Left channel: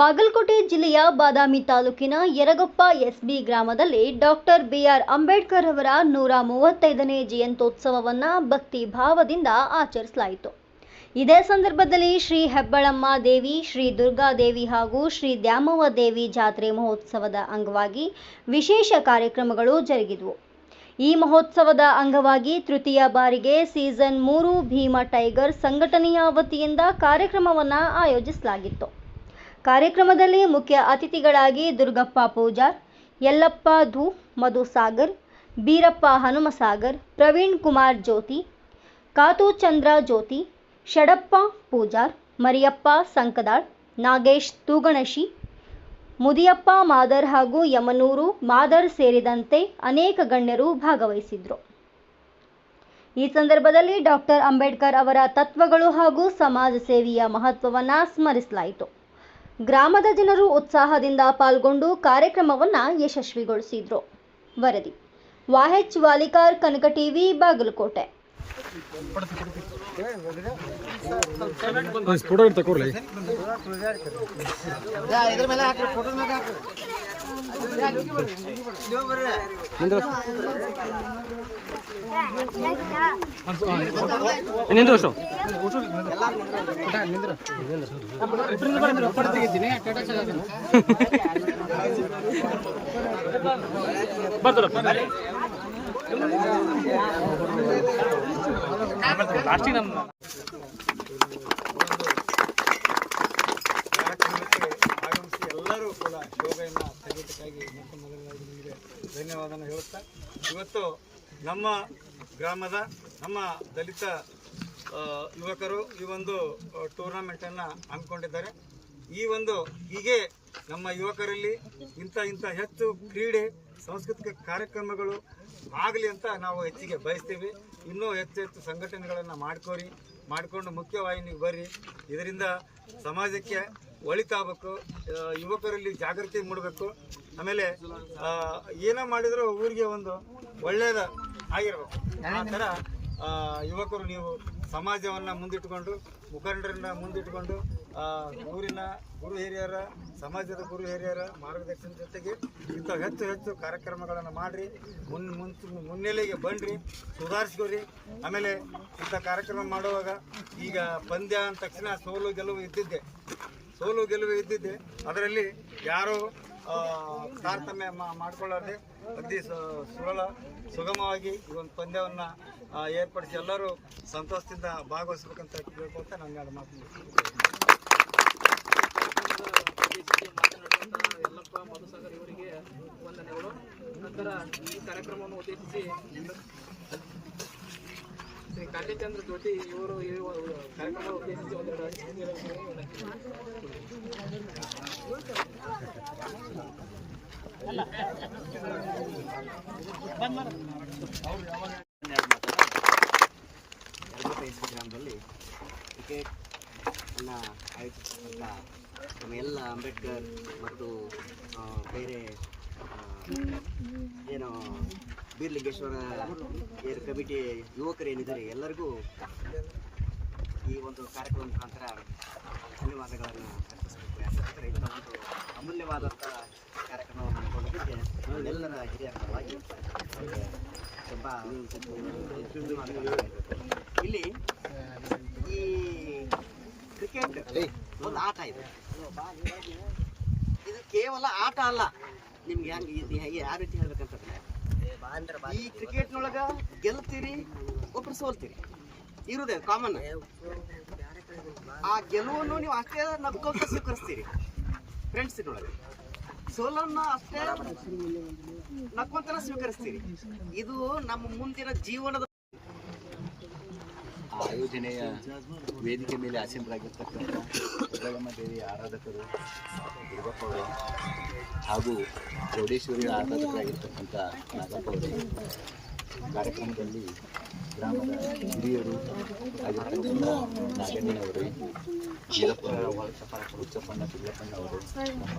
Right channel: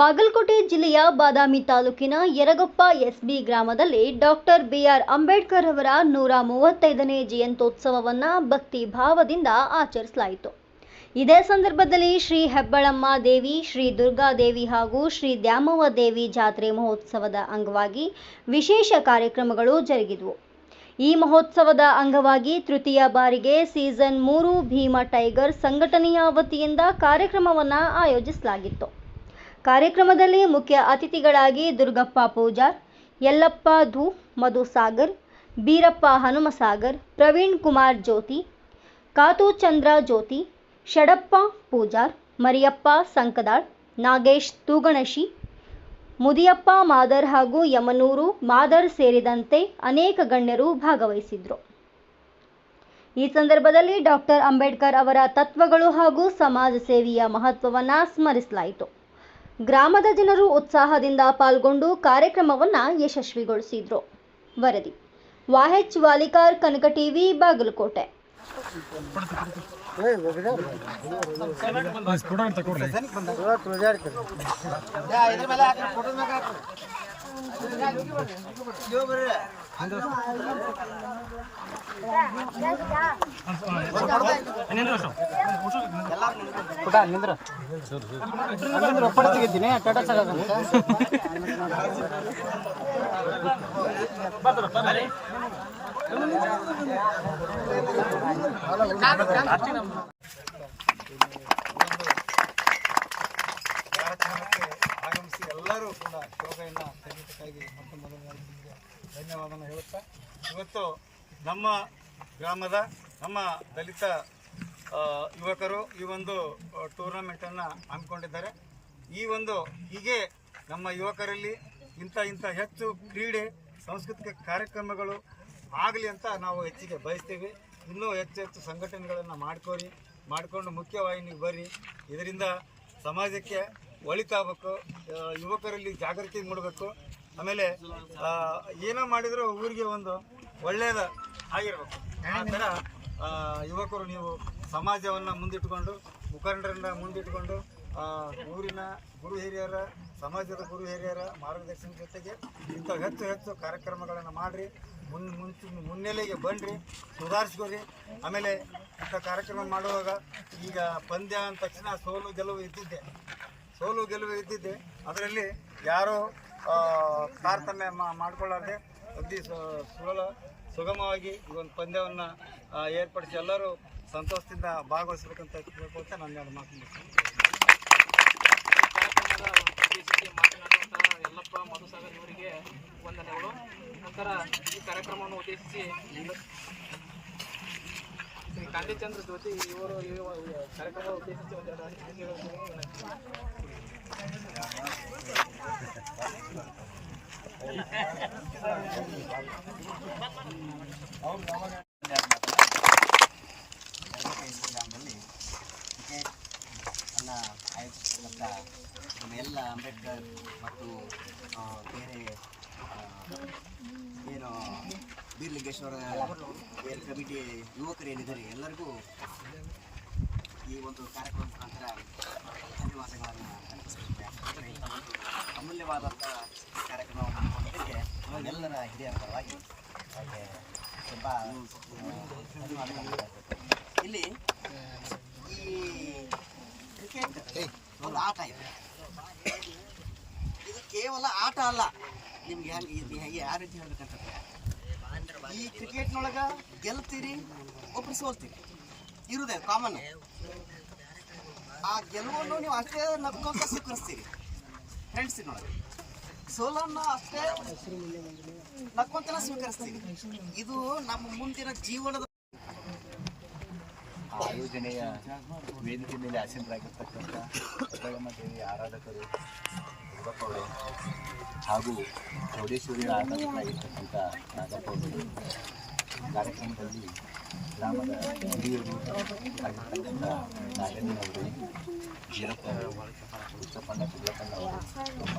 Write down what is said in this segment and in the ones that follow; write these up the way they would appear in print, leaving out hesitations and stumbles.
ಬಾಗಲಕೋಟೆ ಜಿಲ್ಲೆಯ ಬಾದಾಮಿ ತಾಲೂಕಿನ ಯರಗೊಪ್ಪ ಎಸ್ಬಿ ಗ್ರಾಮದಲ್ಲಿ ಡಾಕ್ಟರ್ ಬಿಆರ್ ಅಂಬೇಡ್ಕರ್ ಅವರ 135ನೇ ಜಯಂತ್ಯೋತ್ಸವವನ್ನು ಭಕ್ತಿ ಭಾವದಿಂದ ಆಚರಿಸಲಾಯಿತು. ಇದೇ ಸಂದರ್ಭದಲ್ಲಿ ಶ್ರೀ ಹೆಬ್ಬಳಮ್ಮ ದೇವಿ, ಶ್ರೀ ದುರ್ಗಾದೇವಿ ಹಾಗೂ ಶ್ರೀ ದ್ಯಾಮವ್ವ ದೇವಿ ಜಾತ್ರೆ ಮಹೋತ್ಸವದ ಅಂಗವಾಗಿ ವಿಶೇಷ ಕಾರ್ಯಕ್ರಮಗಳು ಜರುಗಿದವು. ಈ ಮಹೋತ್ಸವದ ಅಂಗವಾಗಿ ತೃತೀಯ ಬಾರಿಗೆ ಸೀಸನ್ 3 ಭೀಮಾ ಟೈಗರ್ ಸಂಘಟನೆಯ ವತಿಯಿಂದ ಕಾರ್ಯಕ್ರಮವನ್ನು ಆಯೋಜಿಸಲಾಗಿತ್ತು. ಕಾರ್ಯಕ್ರಮದಲ್ಲಿ ಮುಖ್ಯ ಅತಿಥಿಗಳಾಗಿ ದುರ್ಗಪ್ಪ ಪೂಜಾರ್, ಯಲ್ಲಪ್ಪ ಧೂ, ಮಧುಸಾಗರ್, ಬೀರಪ್ಪ ಹನುಮಸಾಗರ್, ಪ್ರವೀಣ್ ಕುಮಾರ್ ಜ್ಯೋತಿ, ಕಾತು ಚಂದ್ರ ಜ್ಯೋತಿ, ಷಡಪ್ಪ ಪೂಜಾರ್, ಮರಿಯಪ್ಪ ಸಂಕದಾಳ್, ನಾಗೇಶ್ ತೂಗಣಶಿ, ಮುದಿಯಪ್ಪ ಮಾದರ್ ಹಾಗೂ ಯಮನೂರು ಮಾದರ್ ಸೇರಿದಂತೆ ಅನೇಕ ಗಣ್ಯರು ಭಾಗವಹಿಸಿದ್ರು. ಈ ಸಂದರ್ಭದಲ್ಲಿ ಡಾಕ್ಟರ್ ಅಂಬೇಡ್ಕರ್ ಅವರ ತತ್ವಗಳು ಹಾಗೂ ಸಮಾಜ ಸೇವೆಯ ಮಹತ್ವವನ್ನು ಸ್ಮರಿಸಲಾಯಿತು. ಗ್ರಾಮದ ಜನರು ಉತ್ಸಾಹದಿಂದ ಪಾಲ್ಗೊಂಡು ಕಾರ್ಯಕ್ರಮವನ್ನು ಯಶಸ್ವಿಗೊಳಿಸಿದ್ರು. ವರದಿ ವಾಹೆಚ್ ವಾಲಿಕಾರ್, ಕನಕ ಟಿವಿ, ಬಾಗಲಕೋಟೆ. ಕಾರ್ಯಕ್ರಮಕ್ಕೆ ಆಗಮಿಸಿ ಎಲ್ಲರೂ ಕೂಡ ಶೋಭೆಯನ್ನು ತೆಗೆದಕ್ಕಾಗಿ ಮೊಟ್ಟ ಮೊದಲನೇದಾಗಿ ನಿಮಗೆ ಧನ್ಯವಾದನ ಹೇಳುತ್ತಾ, ಇವತ್ತು ನಮ್ಮ ಗ್ರಾಮದ ನಮ್ಮ ದಲಿತ ಯುವಕರು ಈ ಒಂದು ಟೂರ್ನಮೆಂಟನ್ನು ಹಮ್ಮಿಕೊಂಡಿದ್ದಾರೆ. ಈ ಒಂದು ಹೀಗೆ ನಮ್ಮ ಯುವಕರಲ್ಲಿ ಇಂಥ ಹೆಚ್ಚು ಕ್ರೀಡೆ ಸಾಂಸ್ಕೃತಿಕ ಕಾರ್ಯಕ್ರಮಗಳು ಆಗಲಿ ಅಂತ ನಾವು ಹೆಚ್ಚಿಗೆ ಬಯಸ್ತೀವಿ. ಇನ್ನೂ ಹೆಚ್ಚು ಸಂಘಟನೆಗಳನ್ನು ಮಾಡಿಕೊಂಡು ಮುಖ್ಯವಾಹಿನಿಗೆ ಬರ್ರಿ. ಇದರಿಂದ ಸಮಾಜಕ್ಕೆ ಒಳಿತಾಗಬೇಕು, ಯುವಕರಲ್ಲಿ ಜಾಗೃತಿ ಮೂಡಬೇಕು. ಆಮೇಲೆ ಏನೋ ಮಾಡಿದರೂ ಊರಿಗೆ ಒಂದು ಒಳ್ಳೆಯದು ಆಗಿರಬೇಕು. ಆ ಥರ ಯುವಕರು ನೀವು ಸಮಾಜವನ್ನು ಮುಂದಿಟ್ಟುಕೊಂಡು, ಮುಖಂಡರನ್ನ ಮುಂದಿಟ್ಟುಕೊಂಡು, ಊರಿನ ಗುರು ಹಿರಿಯರ, ಸಮಾಜದ ಗುರು ಹಿರಿಯರ ಮಾರ್ಗದರ್ಶನ ಜೊತೆಗೆ ಇಂಥ ಹೆಚ್ಚು ಕಾರ್ಯಕ್ರಮಗಳನ್ನು ಮಾಡಿರಿ. ಮುನ್ನೆಲೆಗೆ ಬನ್ನಿರಿ, ಸುಧಾರಿಸ್ಕೊರಿ. ಆಮೇಲೆ ಇಂಥ ಕಾರ್ಯಕ್ರಮ ಮಾಡುವಾಗ ಈಗ ಪಂದ್ಯ ಅಂದ ತಕ್ಷಣ ಸೋಲು ಗೆಲುವು ಇದ್ದಿದ್ದೆ. ಅದರಲ್ಲಿ ಯಾರೂ ತಾರತಮ್ಯ ಮಾಡ್ಕೊಳ್ಳಾರ್ದೆ ಅತಿ ಸುಗಮವಾಗಿ ಈ ಒಂದು ಪಂದ್ಯವನ್ನು ಏರ್ಪಡಿಸಿ ಎಲ್ಲರೂ ಸಂತೋಷದಿಂದ ಭಾಗವಹಿಸಬೇಕಂತ ಕೇಳ್ಕೊಳ್ತಾ ನಾನು ಎರಡು ಮಾತು ಮಾತನಾಡುವಂತಹ ಯಲ್ಲಪ್ಪ, ಮಧುಸಾಗರ್ ಇವರಿಗೆ ವಂದನೆಗಳು. ನಂತರ ಈ ಕಾರ್ಯಕ್ರಮವನ್ನು ಉದ್ದೇಶಿಸಿ ಶ್ರೀ ಕಾಂತಿಚಂದ್ರ ಜ್ಯೋತಿ ಇವರು ಕಾರ್ಯಕ್ರಮ ಉದ್ದೇಶಿಸಿ ಒಂದೆರಡು ಗ್ರಾಮದಲ್ಲಿ ಕ್ರಿಕೆಟ್ ಅನ್ನು ಆಯೋಜಿಸಿದಂಥ ನಮ್ಮ ಎಲ್ಲ ಅಂಬೇಡ್ಕರ್ ಮತ್ತು ಬೇರೆ ಏನು ಬೀರ್ಲಿಂಗೇಶ್ವರ ಏರ್ ಕಮಿಟಿ ಯುವಕರೇನಿದ್ದಾರೆ ಎಲ್ಲರಿಗೂ ಈ ಒಂದು ಕಾರ್ಯಕ್ರಮ ಮುಖಾಂತರ ಧನ್ಯವಾದಗಳನ್ನು ಅರ್ಪಿಸಬೇಕು. ಯಾಕಂದರೆ ಇಂಥ ಒಂದು ಅಮೂಲ್ಯವಾದಂಥ ಕಾರ್ಯಕ್ರಮವನ್ನು ಹಮ್ಮಿಕೊಂಡಿದ್ದಕ್ಕೆ ಎಲ್ಲರ ಹಿರಿಯ ಪರವಾಗಿ ತುಂಬ ಧನ್ಯವಾದಗಳು. ಇಲ್ಲಿ ಈ ಕ್ರಿಕೆಟ್ ಒಂದು ಆಟ ಇದೆ. ಇದು ಕೇವಲ ಆಟ ಅಲ್ಲ. ನಿಮ್ಗೆ ಹೇಗೆ ಯಾವ ರೀತಿ ಹೇಳ್ಬೇಕಂತಂದ್ರೆ, ಈ ಕ್ರಿಕೆಟ್ನೊಳಗೆ ಗೆಲ್ತೀರಿ, ಒಬ್ರು ಸೋಲ್ತೀರಿ, ಇರುವುದೇ ಕಾಮನ್. ಆ ಗೆಲುವನ್ನು ನೀವು ಅಷ್ಟೇ ನಗ್ಕೋತ ಸ್ವೀಕರಿಸ್ತೀರಿ ಫ್ರೆಂಡ್ಸಿನೊಳಗೆ, ಸೋಲನ್ನು ಅಷ್ಟೇ ನಕ್ಕೊಂತನ ಸ್ವೀಕರಿಸ್ತೀರಿ. ಇದು ನಮ್ಮ ಮುಂದಿನ ಜೀವನದ ಆಯೋಜನೆಯ ವೇದಿಕೆ ಮೇಲೆ ಆಸೀನರಾಗಿರ್ತಕ್ಕಂಥ ಹೆಬ್ಬಳಮ್ಮ ದೇವಿ ಆರಾಧಕರು ದುರ್ಗಪ್ಪ ಅವರೇ ಹಾಗೂ ಚೌಡೇಶ್ವರಿ ಆರಾಧಕರಾಗಿರ್ತಕ್ಕಂಥ ನಾಗಪ್ಪ ಅವರೇ, ಕಾರ್ಯಕ್ರಮದಲ್ಲಿ ಗ್ರಾಮದ ಹಿರಿಯರು ಆಗಿರ್ತಕ್ಕಂಥ ನಾಗಣ್ಣನವರೇ, ಜೀರಪ್ಪ ಅವರು, ಹುಚ್ಚಪ್ಪಣ್ಣ ಸಿದ್ದಪ್ಪಣ್ಣ ಅವರು, ನಮ್ಮ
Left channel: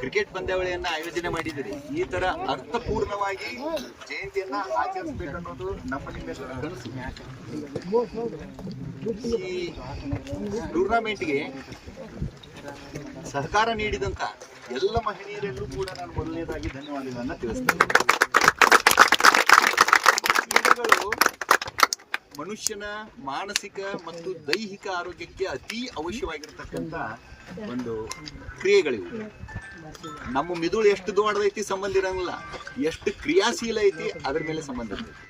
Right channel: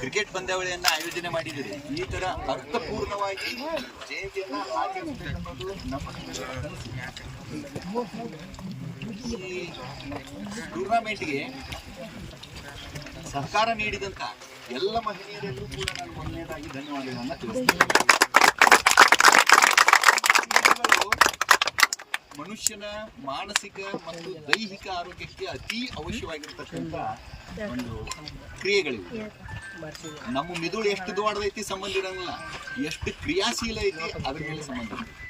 ಕ್ರಿಕೆಟ್ ಪಂದ್ಯಾವಳಿಯನ್ನು ಆಯೋಜನೆ ಮಾಡಿದ್ದೀರಿ. ಈ ಥರ ಅರ್ಥಪೂರ್ಣವಾಗಿ ಜಯಂತಿಯನ್ನು ಆಚರಿಸಬೇಕನ್ನೋದು ನಮ್ಮ ನಿಮ್ಮೆಲ್ಲರ ಕನಸು. ಈ ಟೂರ್ನಮೆಂಟ್ಗೆ ಸಹಕಾರ ನೀಡಿದಂತ ಎಲ್ಲ ಮಹಿಳೆಯರಿಗೂ ಕೂಡ ನಾನು ಮೊದಲನೇದಾಗಿ ಧನ್ಯವಾದಗಳನ್ನ ತಿಳಿಸ್ತೇನೆ. ಕ್ರೀಡೆಗಳು ಮನುಷ್ಯನ ಮಾನಸಿಕ ಮತ್ತು ದೈಹಿಕ ಆರೋಗ್ಯಕ್ಕೆ ಅತಿ ಅವಶ್ಯವಾಗಿರ್ತಕ್ಕಂಥ ಒಂದು ಕ್ರಿಯೆಗಳಿವು. ನಮ್ಮ ಮಿದುಳು ಎಷ್ಟು ದೊಡ್ಡದೈತಿ ಸಂಬಂಧ ಇರಂಗಿಲ್ಲ, ಎಷ್ಟು ಕ್ರಿಯಾಶೀಲ ಐತಿ ಅದ್ರ ಮೇಲೆ ಸಂಬಂಧ ಇರ್ತೈತಿ.